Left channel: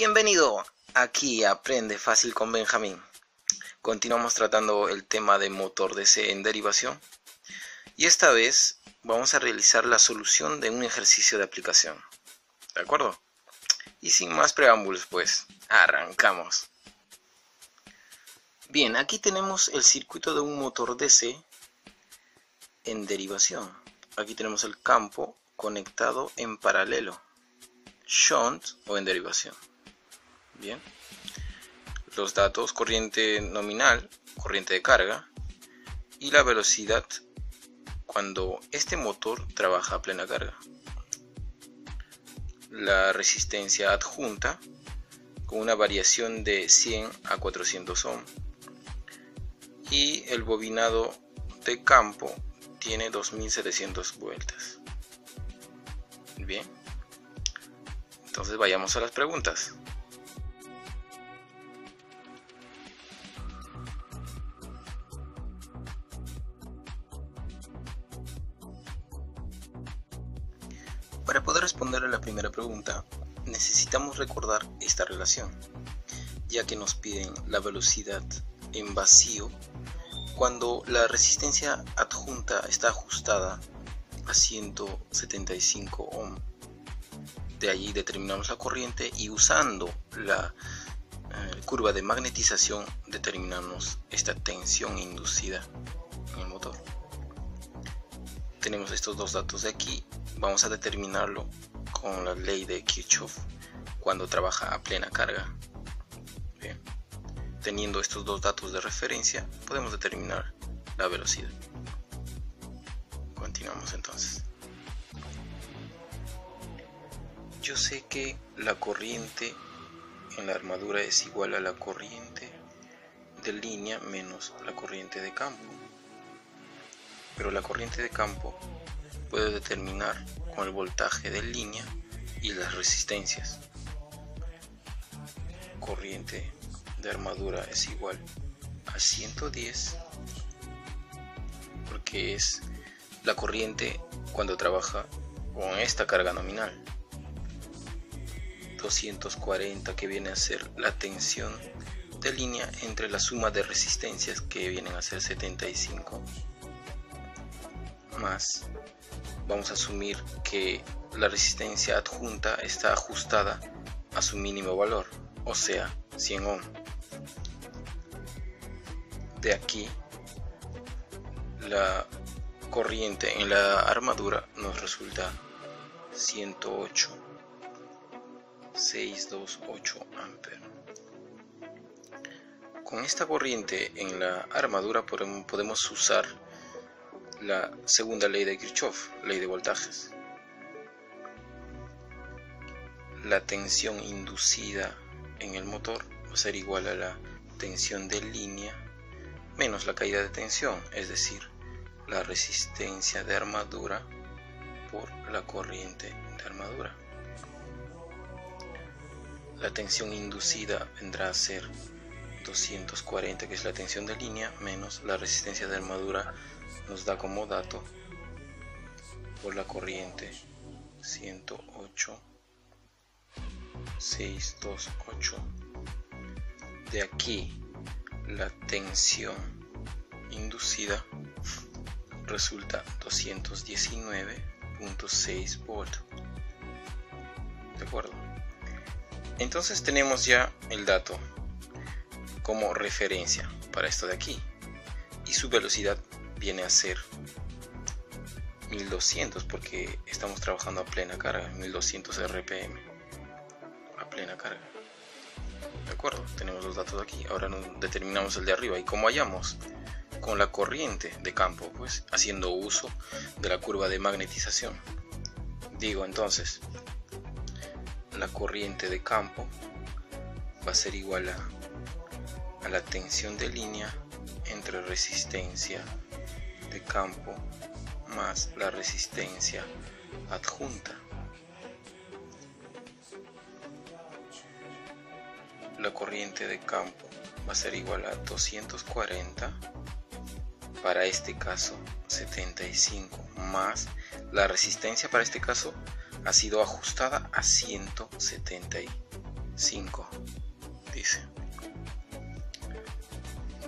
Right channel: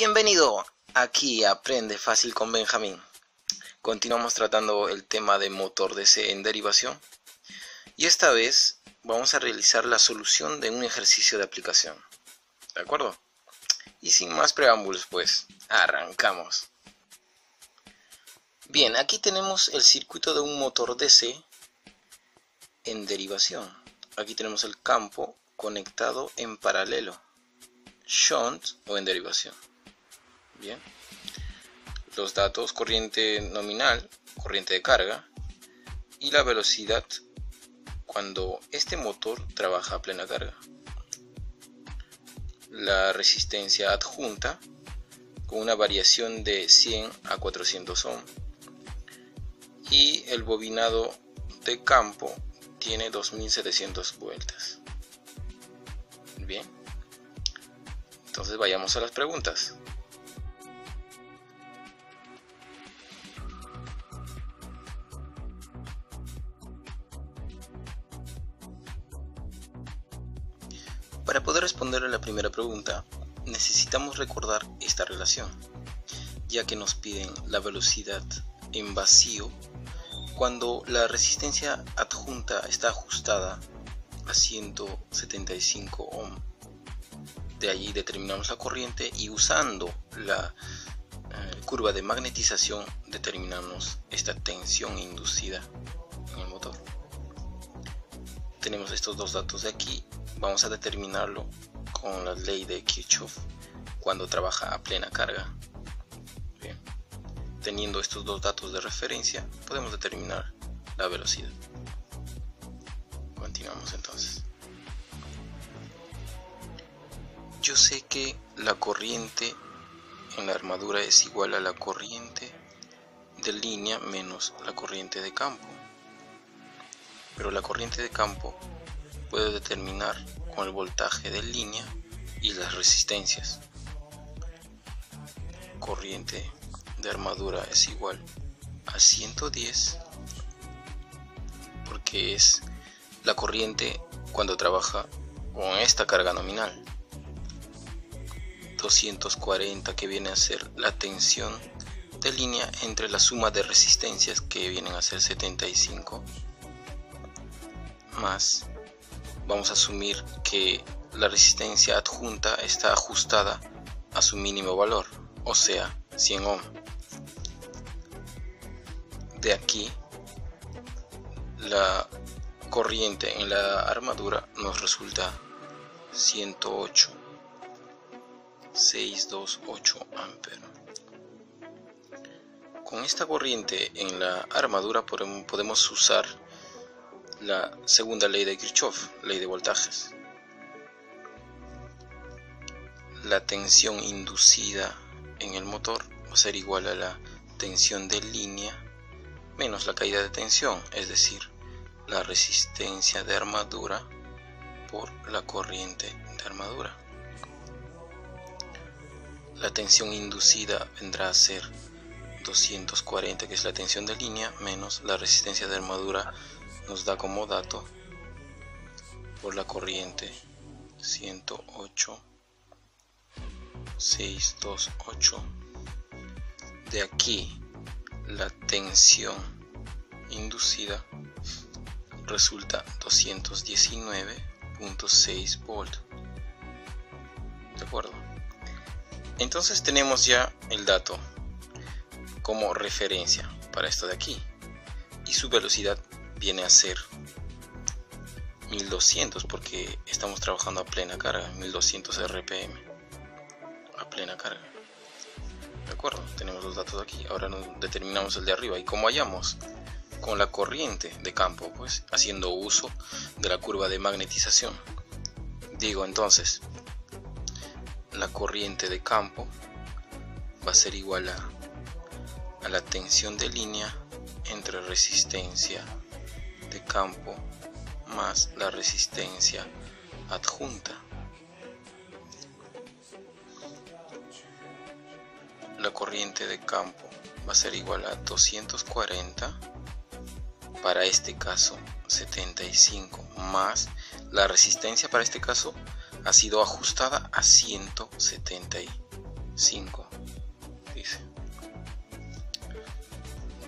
Bienvenido aquí a Aprende Fácil con Benjamín. Continuamos tratando el tema de motor DC en derivación y esta vez vamos a realizar la solución de un ejercicio de aplicación. ¿De acuerdo? Y sin más preámbulos, pues, arrancamos. Bien, aquí tenemos el circuito de un motor DC en derivación. Aquí tenemos el campo conectado en paralelo, shunt o en derivación. Bien, los datos: corriente nominal, corriente de carga y la velocidad cuando este motor trabaja a plena carga. La resistencia adjunta con una variación de 100 a 400 ohm y el bobinado de campo tiene 2700 vueltas. Bien, entonces vayamos a las preguntas. Para poder responder a la primera pregunta, necesitamos recordar esta relación, ya que nos piden la velocidad en vacío cuando la resistencia adjunta está ajustada a 175 ohm. De allí determinamos la corriente y usando la curva de magnetización determinamos esta tensión inducida en el motor. Tenemos estos dos datos de aquí. Vamos a determinarlo con la ley de Kirchhoff cuando trabaja a plena carga. Bien. Teniendo estos dos datos de referencia, podemos determinar la velocidad. Continuamos entonces. Yo sé que la corriente en la armadura es igual a la corriente de línea menos la corriente de campo. Pero la corriente de campo puede determinar con el voltaje de línea y las resistencias. Corriente de armadura es igual a 110 porque es la corriente cuando trabaja con esta carga nominal. 240 que viene a ser la tensión de línea entre la suma de resistencias que vienen a ser 75 más. Vamos a asumir que la resistencia adjunta está ajustada a su mínimo valor, o sea, 100 ohm. De aquí, la corriente en la armadura nos resulta 108,628 amperes. Con esta corriente en la armadura podemos usar la segunda ley de Kirchhoff, ley de voltajes. La tensión inducida en el motor va a ser igual a la tensión de línea menos la caída de tensión, es decir, la resistencia de armadura por la corriente de armadura. La tensión inducida vendrá a ser 240, que es la tensión de línea, menos la resistencia de armadura, nos da como dato por la corriente 108,628. De aquí la tensión inducida resulta 219,6 volts. ¿De acuerdo? Entonces tenemos ya el dato como referencia para esto de aquí y su velocidad viene a ser 1200 porque estamos trabajando a plena carga, 1200 RPM a plena carga. De acuerdo, tenemos los datos aquí. Ahora nos determinamos el de arriba y como hallamos con la corriente de campo, pues haciendo uso de la curva de magnetización. Digo entonces, la corriente de campo va a ser igual a la tensión de línea entre resistencia de campo más la resistencia adjunta. La corriente de campo va a ser igual a 240, para este caso 75, más la resistencia para este caso ha sido ajustada a 175 5, dice.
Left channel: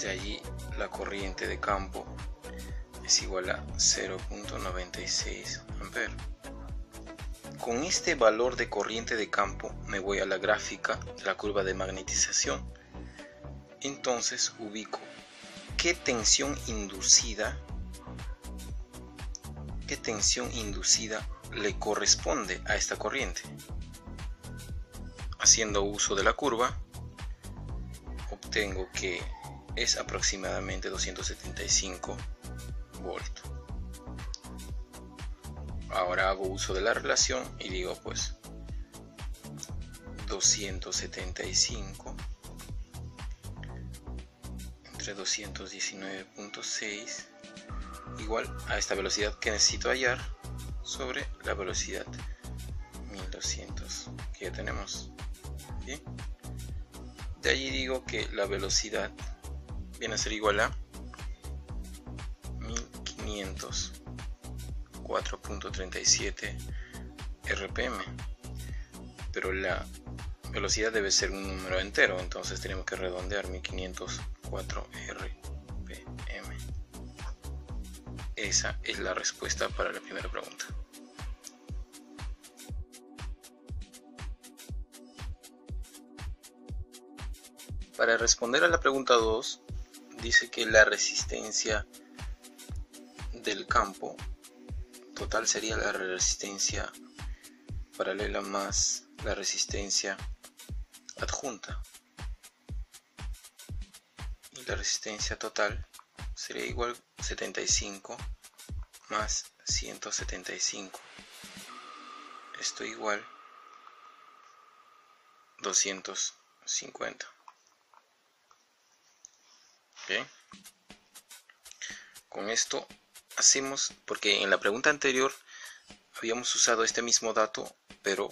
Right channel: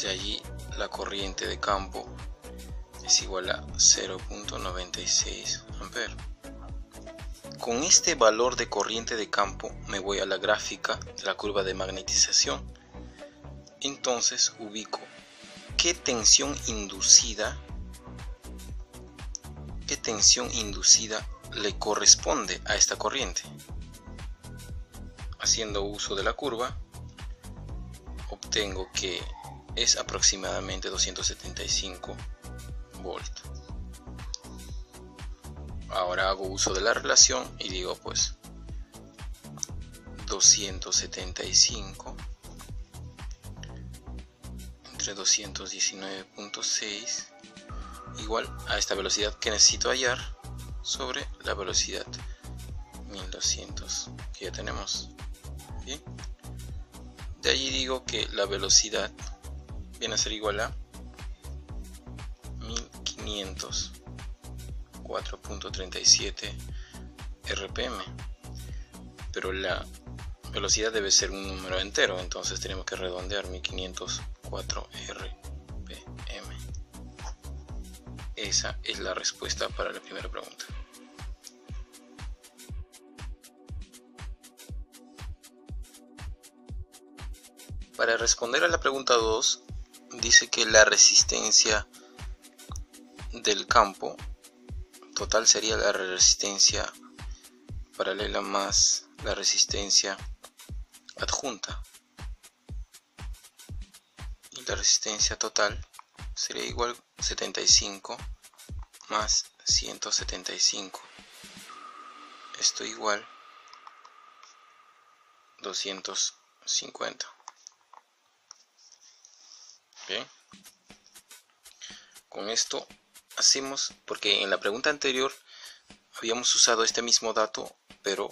De allí la corriente de campo es igual a 0.96 amperes. Con este valor de corriente de campo me voy a la gráfica de la curva de magnetización. Entonces ubico qué tensión inducida le corresponde a esta corriente. Haciendo uso de la curva, obtengo que es aproximadamente 275 volts. Ahora hago uso de la relación y digo pues 275 entre 219.6 igual a esta velocidad que necesito hallar sobre la velocidad 1200 que ya tenemos. ¿Bien? De allí digo que la velocidad viene a ser igual a 1504.37 RPM, pero la velocidad debe ser un número entero, entonces tenemos que redondear 1504 RPM. Esa es la respuesta para la primera pregunta. Para responder a la pregunta 2, dice que la resistencia del campo total sería la resistencia paralela más la resistencia adjunta. Y la resistencia total sería igual 75 más 175. Esto igual 250. Bien. Con esto hacemos, porque en la pregunta anterior habíamos usado este mismo dato, pero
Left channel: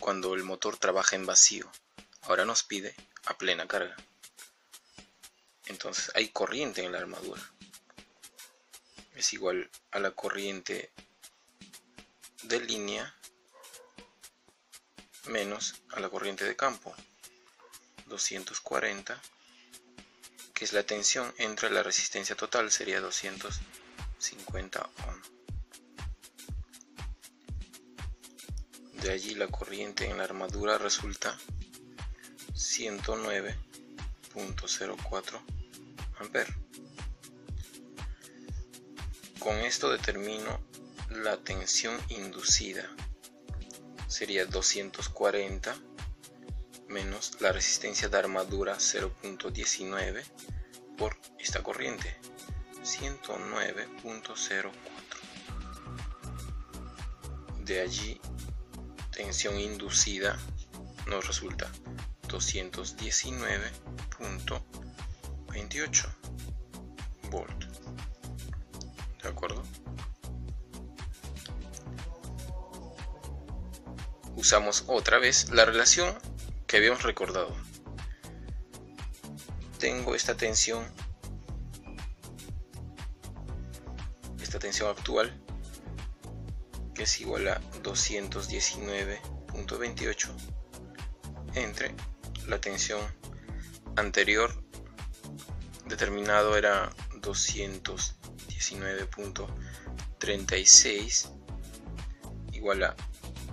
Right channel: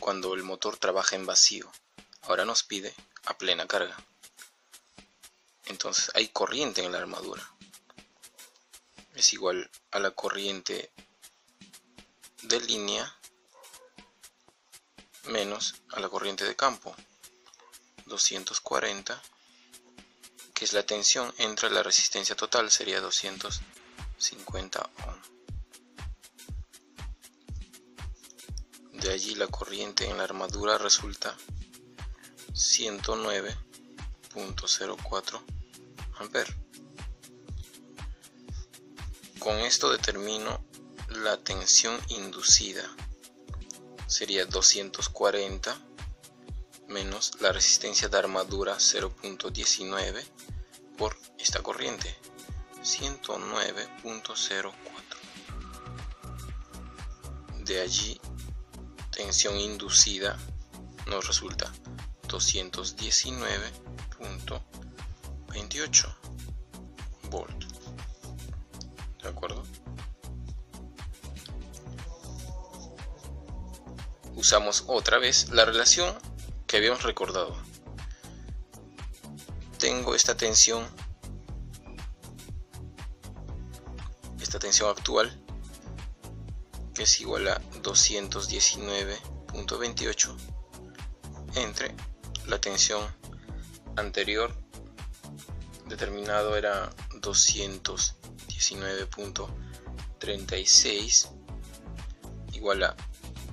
cuando el motor trabaja en vacío. Ahora nos pide a plena carga. Entonces hay corriente en la armadura. Es igual a la corriente de línea menos a la corriente de campo. 240, que es la tensión entre la resistencia total, sería 250 ohm. De allí la corriente en la armadura resulta 109.04 amperes. Con esto determino la tensión inducida. Sería 240 menos la resistencia de armadura 0.19 por esta corriente 109.04. De allí tensión inducida nos resulta 219.28 volt. ¿De acuerdo? Usamos otra vez la relación que habíamos recordado. Tengo esta tensión actual, que es igual a 219.28 entre la tensión anterior, determinado era 219.36, igual a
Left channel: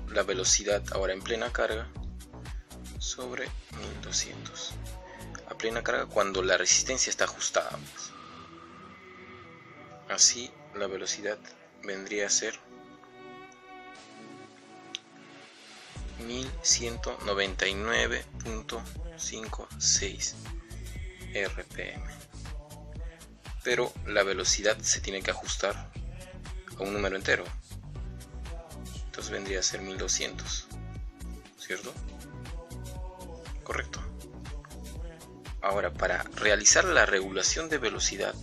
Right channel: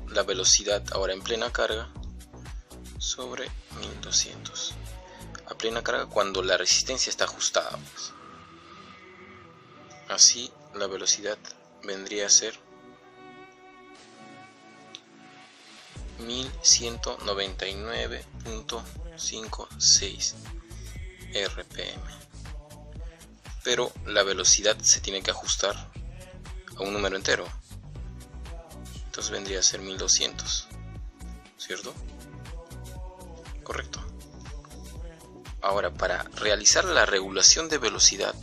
la velocidad ahora en plena carga sobre 1200. A plena carga cuando la resistencia está ajustada, pues. Así la velocidad vendría a ser 1199.56 RPM. Pero la velocidad se tiene que ajustar a un número entero. Entonces vendría a ser 1200, ¿cierto? Correcto. Ahora, para realizar la regulación de velocidad,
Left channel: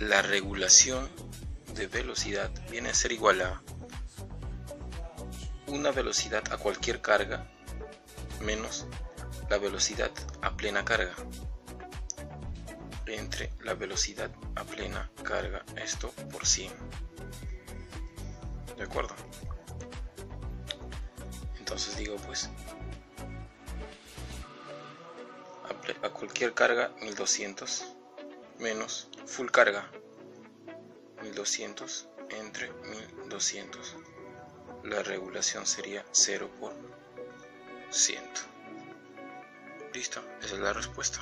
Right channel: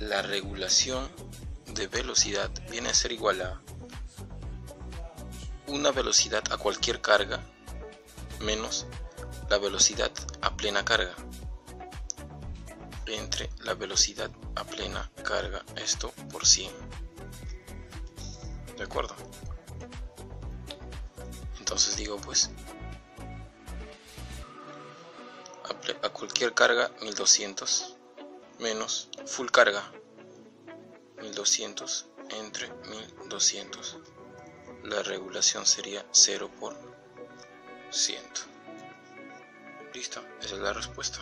la regulación de velocidad viene a ser igual a una velocidad a cualquier carga menos la velocidad a plena carga entre la velocidad a plena carga, esto por 100. ¿De acuerdo? Entonces digo pues a cualquier carga 1200 menos full carga 1200 entre 1200. La regulación sería 0%. Listo, esa es la respuesta.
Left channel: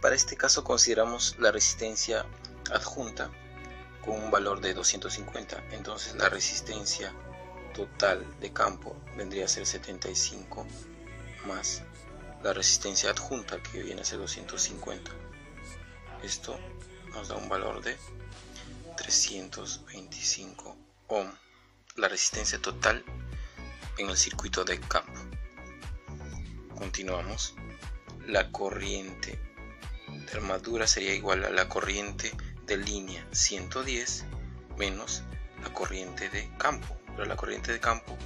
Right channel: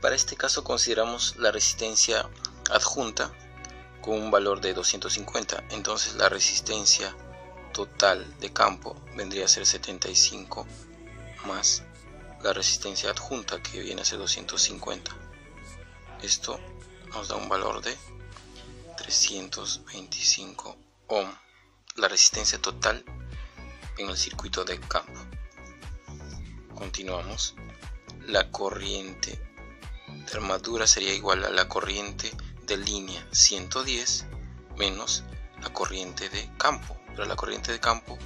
Para este caso consideramos la resistencia adjunta con un valor de 250, entonces la resistencia total de campo vendría a ser 75 más la resistencia adjunta, que viene a ser 250. Esto nos da un valor de 325 ohm, la resistencia total en el circuito de campo. Continuamos. La corriente de armadura sería igual a la corriente de línea 110 menos la corriente de campo, pero la corriente de campo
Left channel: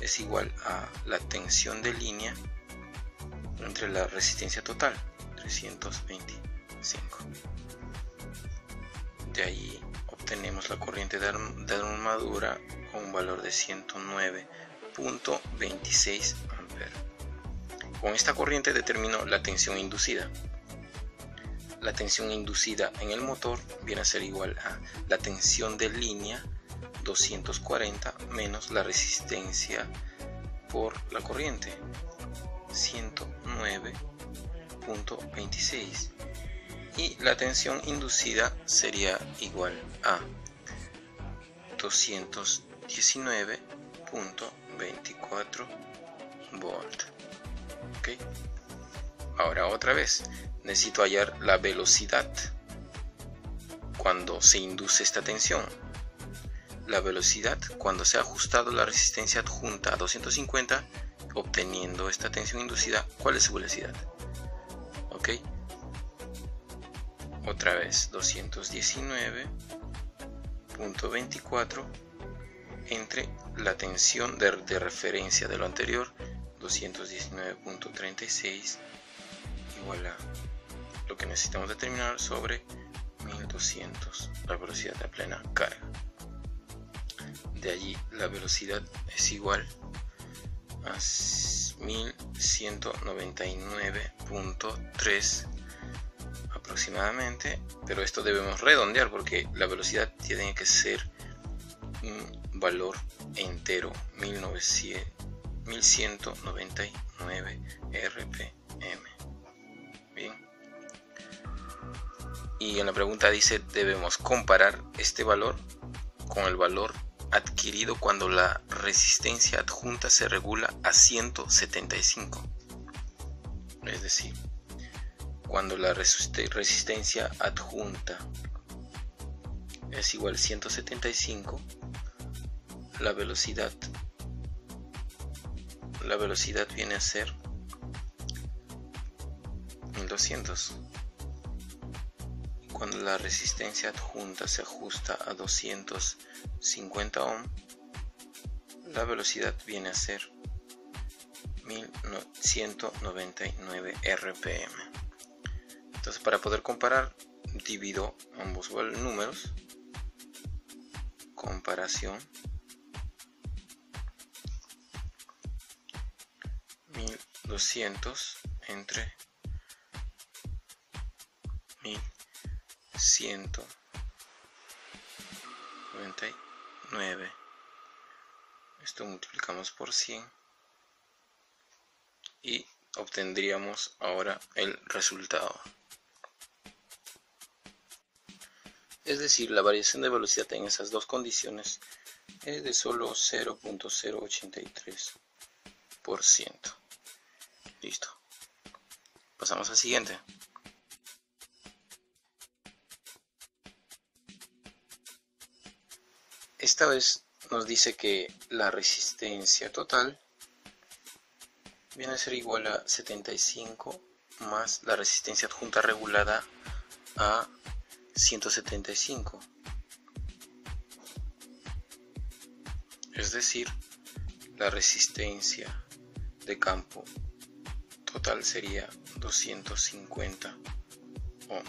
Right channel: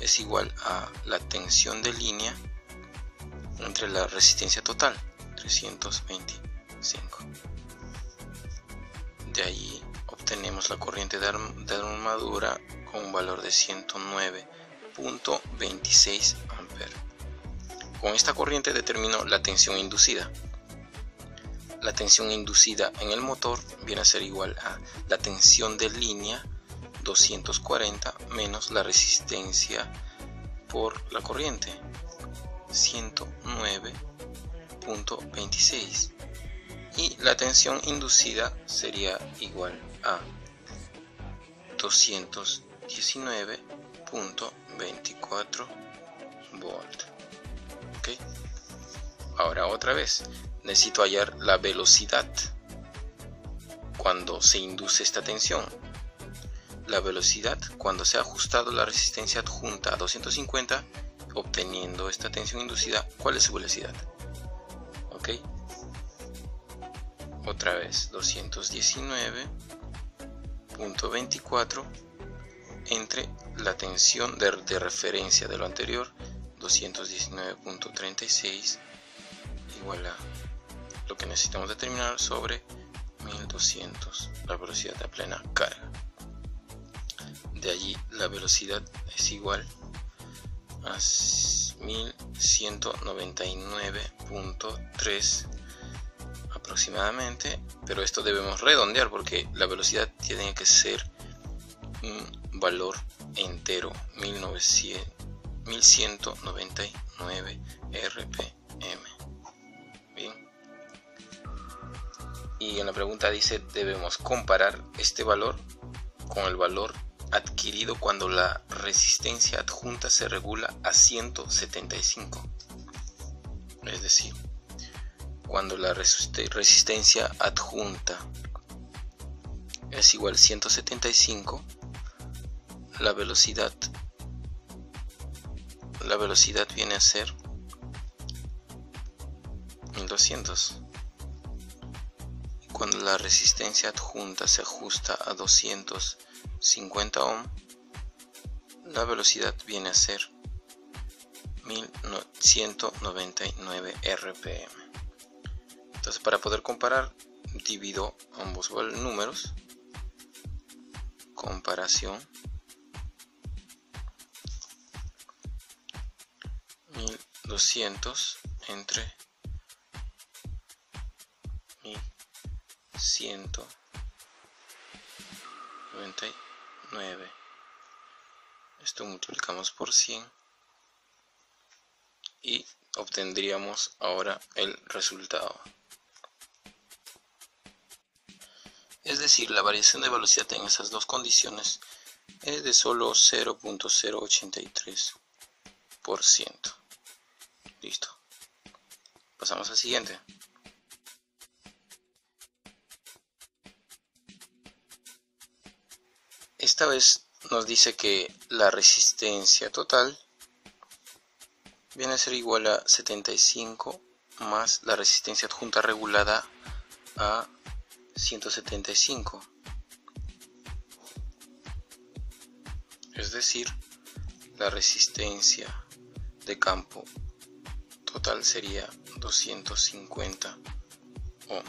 es igual a la tensión de línea entre la resistencia total, 325. De ahí obtenemos la corriente de armadura con un valor de 109.26 amperes. Con esta corriente determino la tensión inducida. La tensión inducida en el motor viene a ser igual a la tensión de línea 240 menos la resistencia por la corriente, 109.26, y la tensión inducida sería igual a 219.24 volts. ¿Okay? Ahora otra vez necesito hallar la velocidad cuando se induce esta tensión. La velocidad cuando se ha ajustado la resistencia adjunta a 250, obteniendo esta tensión inducida. ¿Cuál es su velocidad? Ok, otra vez 219.24 entre la tensión de referencia de lo anterior, 219.36, igual a lo que necesitamos determinar sobre 1200, la velocidad a plena carga. De allí la velocidad es igual a 1199.3 aproximadamente, pero esto debemos redondear porque la velocidad tiene que ser un valor entero, 1199 rpm. Bien. Y en la pregunta dice, debemos comparar este valor con el valor adquirido cuando la resistencia adjunta se regula a 175. Es decir, cuando la resistencia adjunta es igual a 175, la velocidad viene a ser 1200. Cuando la resistencia adjunta se ajusta a 250 ohm, la velocidad viene a ser 1199 rpm. Entonces, para poder comparar, divido ambos números. Comparación. 1200 entre 1199. Esto multiplicamos por 100 y obtendríamos ahora el resultado. Es decir, la variación de velocidad en esas dos condiciones es de solo 0.083%. Listo. Pasamos al siguiente. Esta vez nos dice que la resistencia total viene a ser igual a 75 más la resistencia adjunta regulada a 175. Es decir, la resistencia de campo total sería 250 ohm.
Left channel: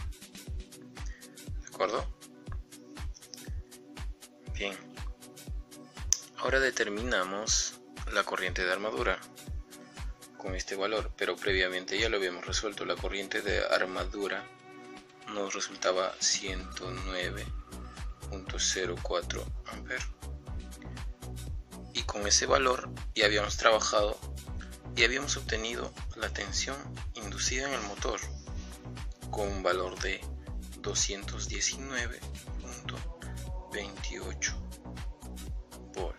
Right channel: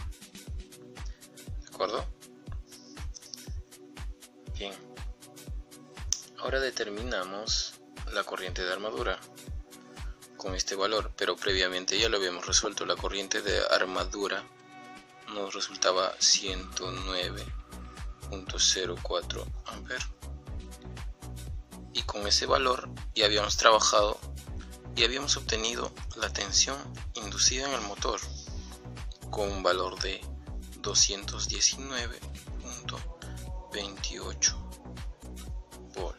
¿De acuerdo? Bien. Ahora determinamos la corriente de armadura con este valor, pero previamente ya lo habíamos resuelto. La corriente de armadura nos resultaba 109.04 amperes, y con ese valor ya habíamos trabajado y habíamos obtenido la tensión inducida en el motor con un valor de 219.28 volt.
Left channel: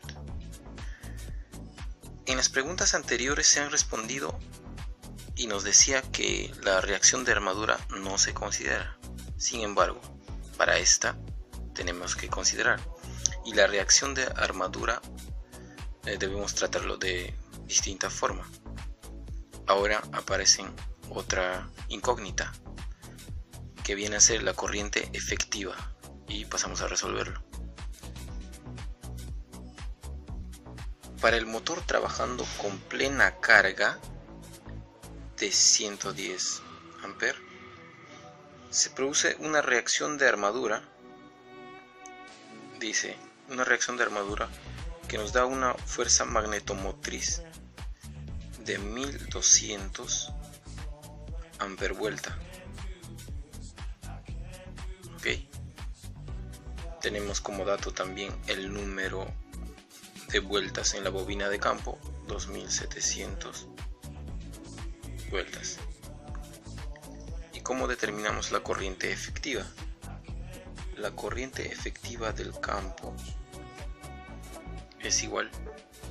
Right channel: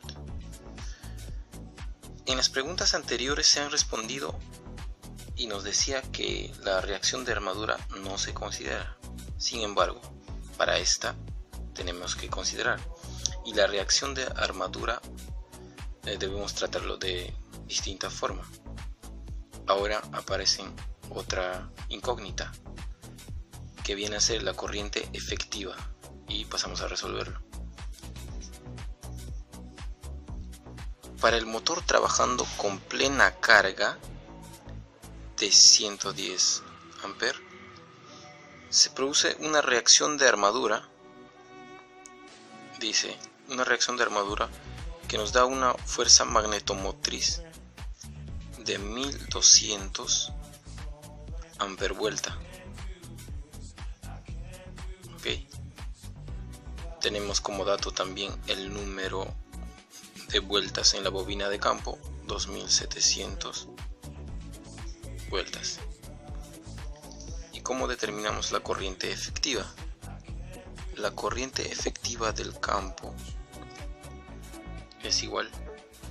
En las preguntas anteriores se han respondido y nos decía que la reacción de armadura no se considera. Sin embargo, para esta tenemos que considerar, y la reacción de armadura debemos tratarlo de distinta forma. Ahora aparece otra incógnita que viene a ser la corriente efectiva, y pasamos a resolverlo. Para el motor trabajando con plena carga de 110 amperes, se produce una reacción de armadura, dice, una reacción de armadura que nos da una fuerza magnetomotriz de 1200 ampervuelta. Ok, tenemos como dato también el número de vueltas en la bobina de campo, 2700 vueltas. ¿Y cómo determinamos la corriente efectiva? La corriente efectiva del campo es igual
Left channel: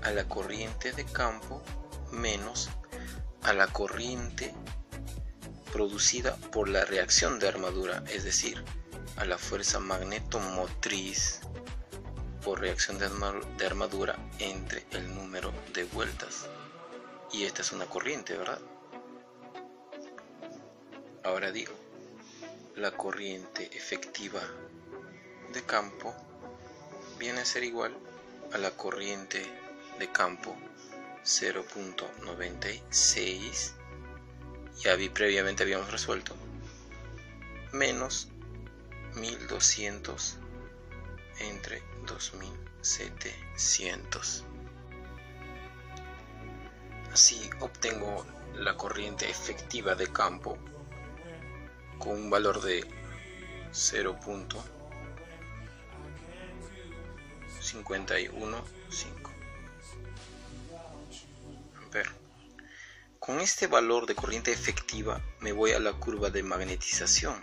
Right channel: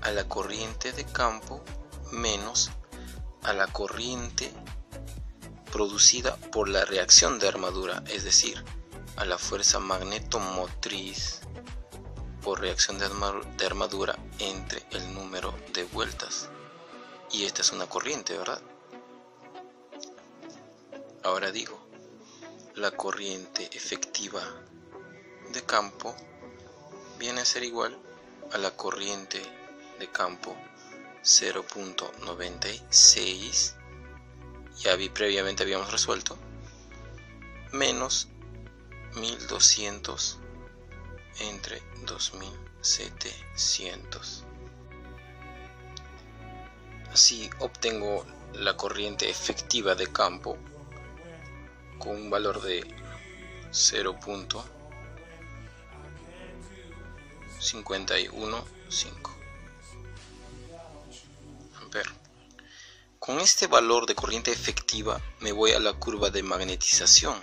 a la corriente de campo menos a la corriente producida por la reacción de armadura, es decir, a la fuerza magnetomotriz por reacción de armadura entre el número de vueltas. Y esta es una corriente, ¿verdad? Ahora digo, la corriente efectiva de campo viene a ser igual a la corriente de campo 0.96, ya previamente habíamos resuelto, menos 1200 entre 2700. Así obtengo la corriente efectiva de campo con un valor de 0.515 amperes. Con este valor de corriente efectiva me voy a la curva de magnetización.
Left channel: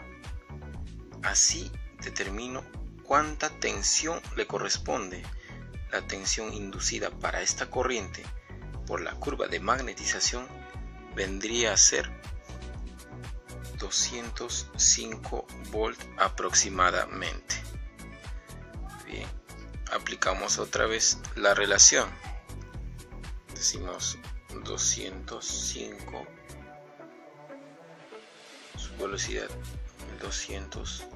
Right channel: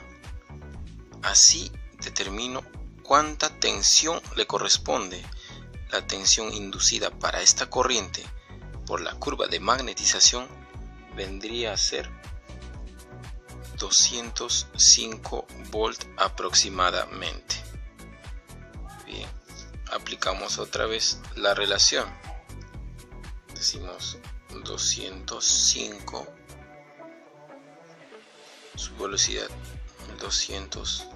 Así determino cuánta tensión le corresponde. La tensión inducida para esta corriente por la curva de magnetización vendría a ser 205 volts aproximadamente. Bien, aplicamos otra vez la relación. Decimos 205, su velocidad 200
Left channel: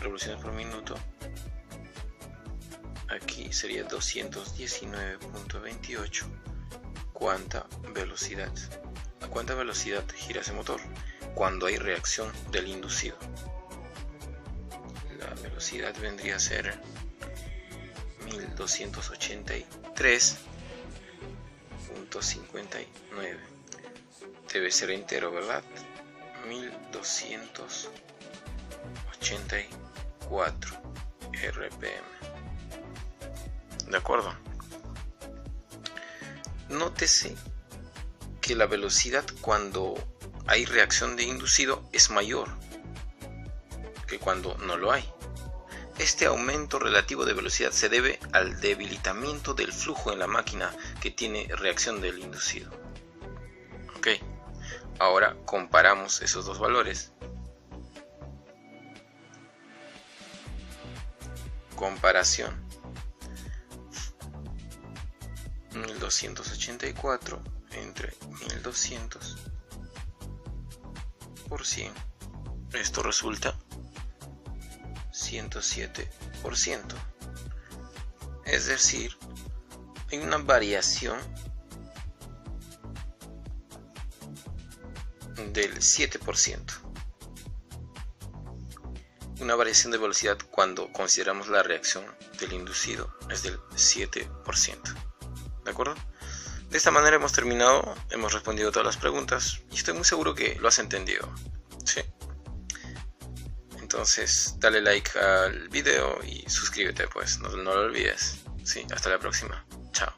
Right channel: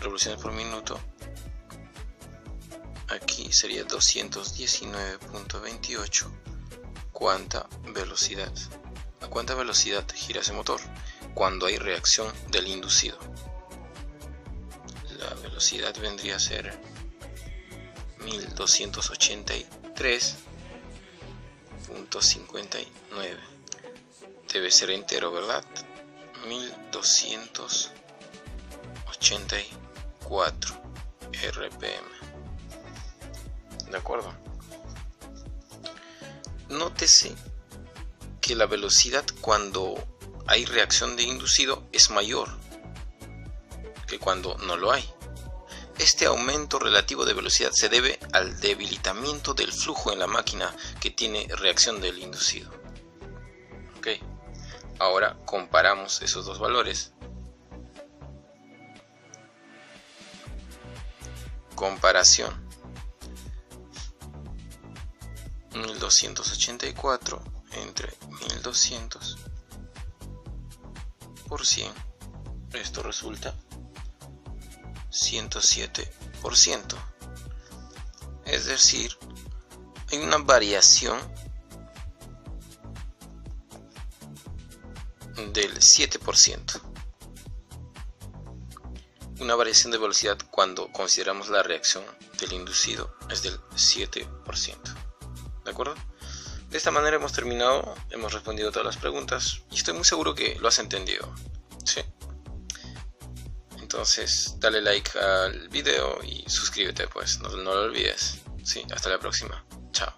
revoluciones por minuto, aquí sería 219.28. ¿Cuánta velocidad? ¿A cuánta velocidad gira ese motor cuando hay reacción del inducido? La velocidad vendría a ser 1283.59. Debe ser entero, ¿verdad? 1284 RPM. ¿De acuerdo? Nótese que la velocidad cuando hay reacción de inducido es mayor que cuando no lo hay. Este aumento relativo de velocidad se debe al debilitamiento del flujo en la máquina que tiene reacción del inducido. Ok, ahora comparamos esos dos valores. Comparación: 1284 entre 1200 por 100. Esto resulta 107%. Es decir, hay una variación del 7%. Una variación de velocidad cuando consideramos la reacción del inducido es del 7%. ¿De acuerdo? De esta manera hemos terminado, hemos respondido todas las preguntas y estoy muy seguro que lo has entendido. ¿Sí? Entonces dale like al video y suscríbete, pues no lo olvides. Sí, hasta la próxima. Chao.